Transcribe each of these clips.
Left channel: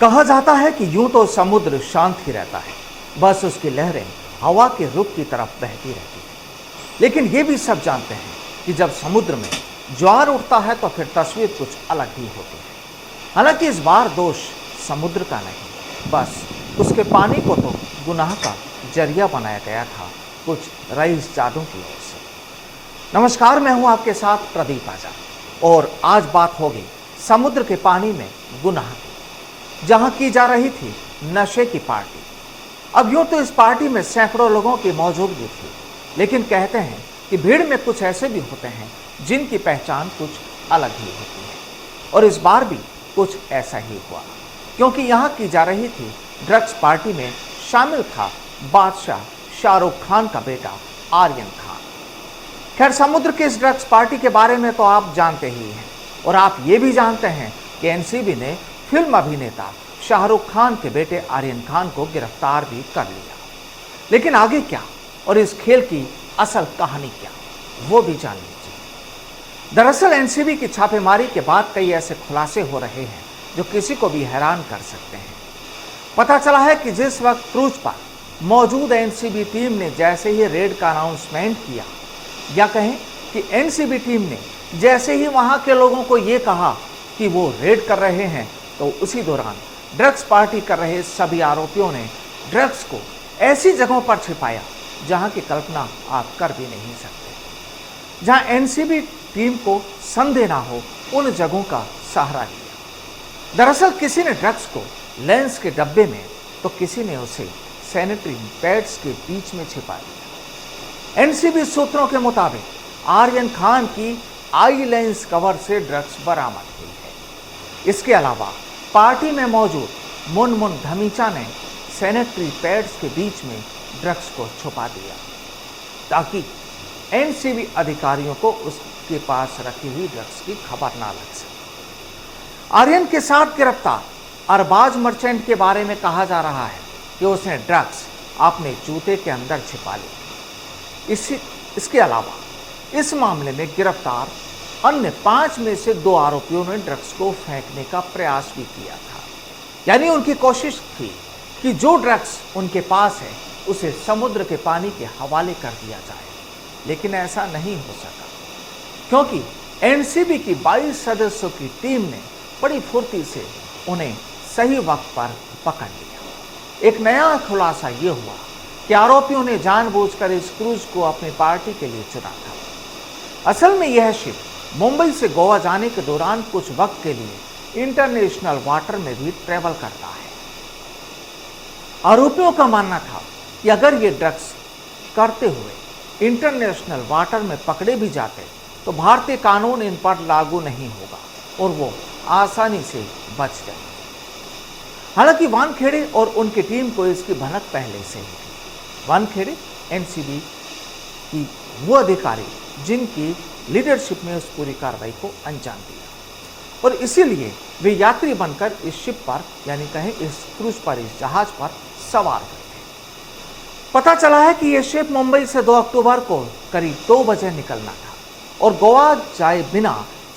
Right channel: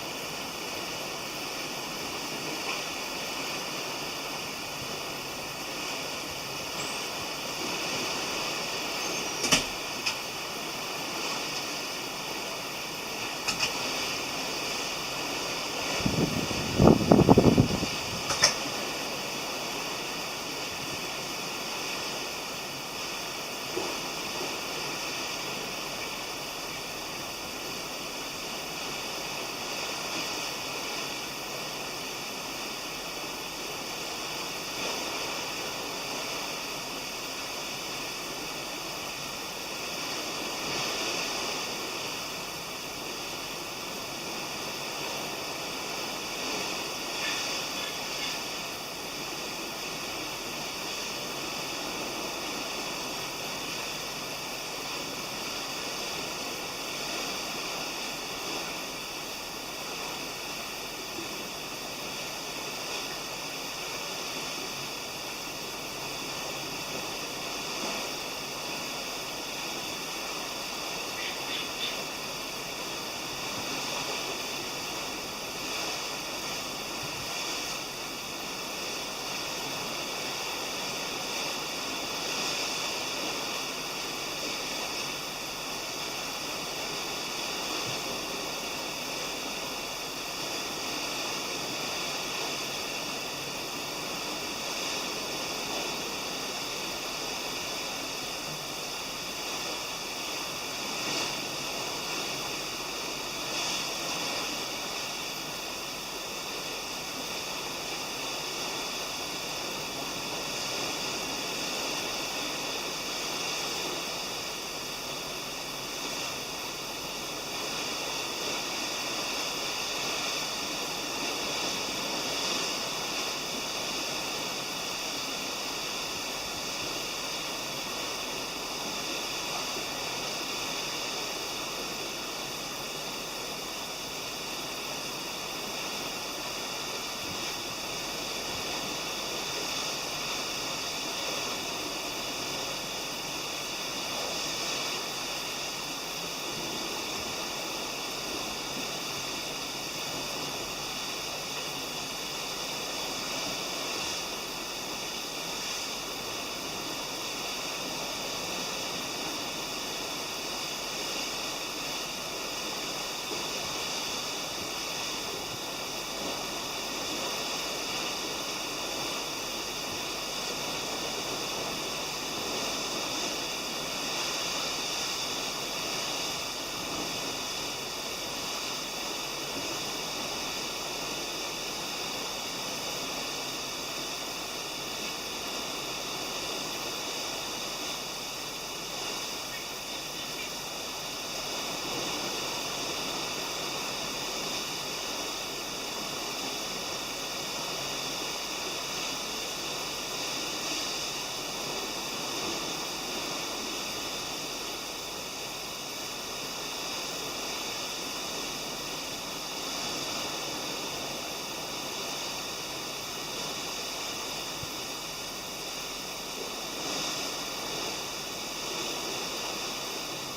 कहा जाता है कि यूं तो समुद्र शांत ही रहता है, बस उसकी लहरें हवा के रुख की तरफ बहती रहती हैं। लेकिन ये भी सब जानते हैं कि जब समुद्र में ज्वार उठता है तो फिर तस्वीर कुछ अलग ही होती है। हालांकि इस बार दोष समुद्र का नहीं, बस उसके पानी को तो गुनाह का जरिया बनाया गया था कुछ रईस जादों की वजह से। नमस्कार, मैं हूं आपके साथ प्रदीप आजाद और आज बात होगी समुद्र के पानी में गुनाह, जहां की जा रही थी नशे की पार्टी। अब यूं तो इस पार्टी में सैकड़ों लोगों की मौजूदगी थी, लेकिन कहते हैं कि भीड़ में कुछ ऐसे भी होते हैं जिनकी पहचान कुछ अलग ही होती है। और इस बार भी कुछ ऐसा ही हुआ, क्योंकि यहाँ की जा रही थी ड्रग्स पार्टी में शामिल था बादशाह शाहरुख खान का बेटा आर्यन खान। खैर, समुद्र की इस ड्रग्स पार्टी के बारे में तो आप जानते ही हैं, और आप ये भी जानते हैं कि एनसीबी ने फिल्म अभिनेता शाहरुख खान के बेटे आर्यन खान को गिरफ्तार भी कर लिया। लेकिन आगे क्या और इस खेल की असल कहानी क्या, वो भी जान लीजिए। दरअसल एनसीबी की छापेमारी के बाद कई ऐसे खुलासे हो रहे हैं जो किसी को भी हैरान कर सकते हैं। पता चला है कि जिस वक्त क्रूज पर मौजूद एनसीबी टीम ने जैसे ही रेड का अनाउंसमेंट किया, या कहें कि एनसीबी टीम ने जैसे ही वहां के लोगों को ये कहा कि वो रेड कर रहे हैं, तो उसी दौरान ड्रग्स पार्टी कर रहे सभी आरोपियों ने ड्रग्स को ऐसी जगहों पर छिपाया जहां की कल्पना आप कर भी नहीं सकते। जहां एनसीबी टीम को संदेह ना हो, उन जगहों का सहारा लिया। दरअसल किसी ने ड्रग्स को लेंस के डब्बे में, तो किसी ने उसे सैनिटरी पैड्स के बीच में छिपाया। एनसीबी सूत्रों के मुताबिक आर्यन खान की आई लेंस कवर से ड्रग्स बरामद हुई। इसके अलावा पार्टी में मौजूद मुनमुन धमीचा ने सैनिटरी पैड्स के बीच में ड्रग्स को छुपा दिया ताकि एनसीबी अधिकारियों को उसके पास रखी हुई ड्रग्स की खबर ना लग सके। आर्यन के साथ गिरफ्तार अरबाज मर्चेंट के बारे में कहा जा रहा है कि उसने ड्रग्स अपने जूते के अंदर छिपा ली। इसके अलावा इस मामले में गिरफ्तार अन्य 5 में से 2 आरोपियों ने ड्रग्स को फेंकने का प्रयास भी किया था। यानी उनकी कोशिश थी कि जो ड्रग्स उनके पास है उसे समुद्र के पानी के हवाले कर दिया जाए, लेकिन ऐसा नहीं हो सका, क्योंकि एनसीबी की 22 सदस्यों की टीम ने बड़ी फुर्ती से उन्हें सही वक्त पर पकड़ लिया। एक नया खुलासा ये हुआ कि आरोपियों ने जानबूझकर इस क्रूज को अपनी पार्टी के लिए चुना था। असल में यह शिप मुंबई से गोवा जाने के दौरान कुछ वक्त के लिए इंटरनेशनल वाटर में भी ट्रेवल करता है। आरोपियों का मानना था कि अगर ये ड्रग्स करते हुए इंटरनेशनल वाटर में पकड़े भी जाते तो भारतीय कानून इन पर लागू नहीं होगा और वो आसानी से बच गए। हालांकि वानखेड़े और उनकी टीम को इसकी भनक पहले से है। वानखेड़े एनसीबी की वो अधिकारी जिनकी लीडरशिप में उस पूरी कार्रवाई को अंजाम दिया, और इसीलिए वे यात्री बनकर इस शिप पर, यानी कहें इस क्रूज पर, इस जहाज पर सवार थे। पता चला है कि यह शिप मुंबई से 2 अक्टूबर को करीब 2 बजे निकलना था और गोवा जाए बिना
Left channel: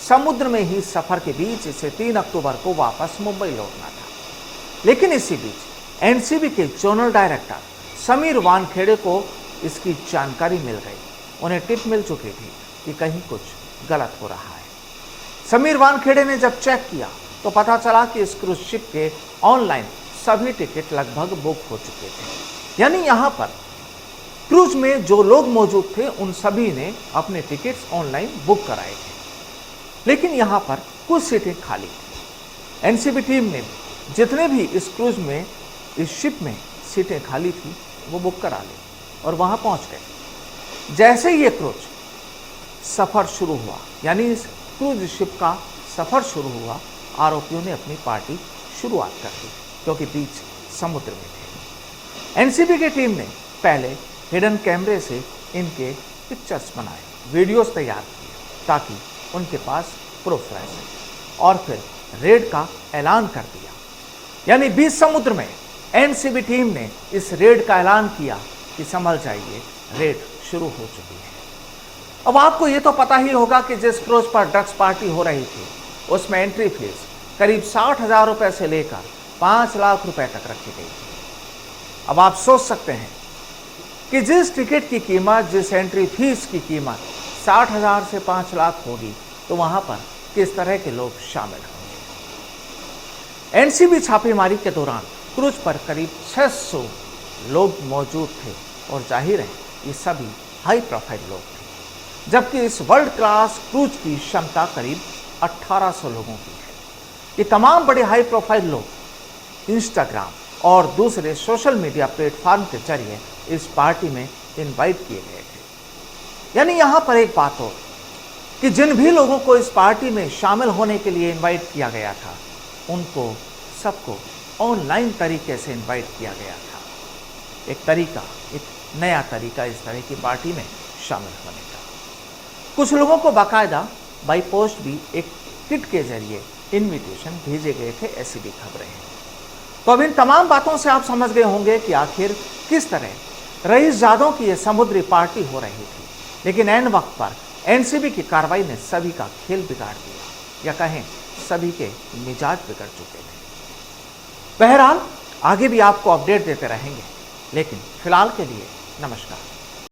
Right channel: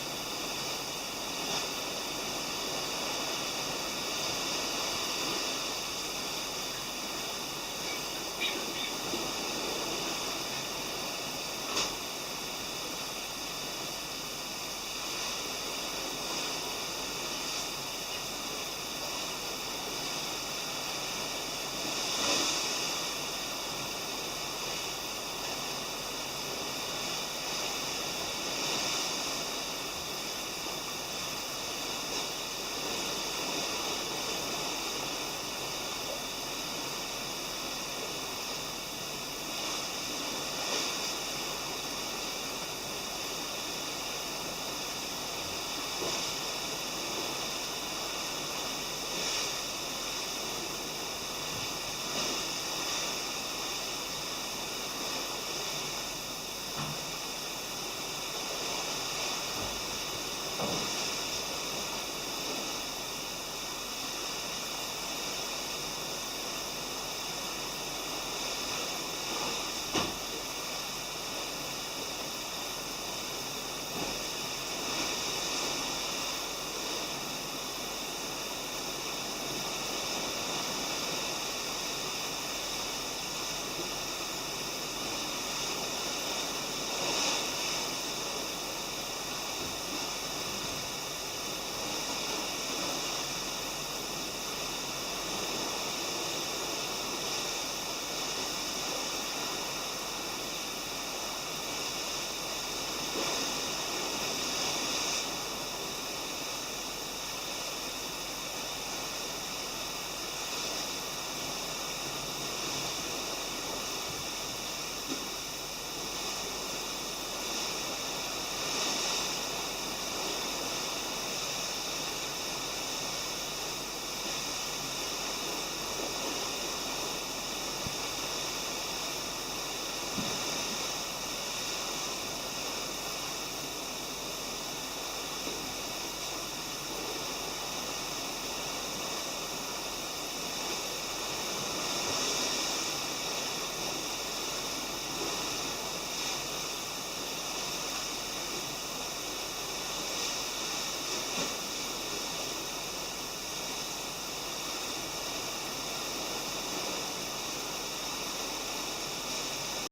समुद्र में ही सफर के बीच इसे 3 अक्टूबर को वापस मुंबई लौटना था। लेकिन इसी बीच एनसीबी के जोनल डायरेक्टर समीर वानखेड़े को इसकी जानकारी मिल गई। उन्हें टिप मिल चुकी थी कि कहीं कुछ गलत हो रहा है। समीर वानखेड़े ने जब चेक किया तो पता चला कि इस क्रूज शिप के ऑनलाइन सभी टिकट लगभग बुक हो चुके थे। यानी यहाँ पर क्रूज में जो लोग मौजूद थे उन सभी ने अपने टिकट ऑनलाइन बुक कराए थे, लेकिन यहाँ पर कुछ सीटें खाली। एनसीबी टीम ने जितने भी इस क्रूज में, इस शिप में सीटें खाली थी, वो बुक करा ली और वहाँ पहुँच गए। जैसे ये क्रूज सफर शुरू हुआ, यानी इस क्रूज शिप का सफर शुरू हुआ, आरोपियों ने अपनी पार्टी शुरुआत कर दी, क्योंकि बीच समुद्र में थे। एनसीबी की टीम ने पहले हिडन कैमरे से इनके पिक्चर्स बनाए, वीडियोस तैयार किए ताकि उनके पास प्रूफ रहे, और फिर रेड का ऐलान कर दिया। यानी बीच समुद्र में एनसीबी टीम ने इस रेड का ऐलान किया कि समझ जाइए, रेड शुरू हो चुकी है। अब आपको ये तो पता ही होगा कि जिस क्रूज पर ड्रग्स पार्टी हो रही थी उसमें एंट्री फीस करीब 60,000 रुपए से लेकर 5 लाख रुपए तक रखी गई। अब आप सोच सकते हैं कि जिस टिकट की कीमत, जिस एंट्री फीस की कीमत 60,000 से 5 लाख होगी, तो वहां पर किस तरह के लोग शामिल होंगे। एनसीबी छापेमारी के दौरान क्रूज पर करीब 600 लोग मौजूद थे और जाहिर है ये सभी हाई प्रोफाइल लोग थे, जबकि इस वर्ल्ड क्लास क्रूज की क्षमता करीब 1800 लोगों की है। ये तमाम बड़े हाई प्रोफाइल लोग इंस्टाग्राम और दूसरे सोशल मीडिया प्लेटफॉर्म के जरिए इस पार्टी में इनवाइट किए गए थे। यानी यहां पर एक बात हो कि जिन भी लोगों को इस पार्टी में शामिल होने के लिए इनवाइट किया गया था, उनको सबको ऑनलाइन तरीके से इनवाइट किया गया था। एक तरीका, एक नया तरीका इस तरह की पार्टी में शामिल होने का। कुछ लोगों को बाकायदा बाई पोस्ट भी एक किट के जरिए इनविटेशन भेजे गए थे, ऐसी भी खबरें हैं। तो अब इन तमाम बातों से आप समझ गए होंगे कि आखिर किस तरह रईसजादों की यह समुद्री पार्टी हो रही थी। लेकिन ऐन वक्त पर एनसीबी की कार्रवाई ने सभी का खेल बिगाड़ दिया, या कहें सभी के मिजाज बिगड़ चुके हैं। बहरहाल आगे भी आपको अपडेट देते रहेंगे, लेकिन फिलहाल के लिए नमस्कार।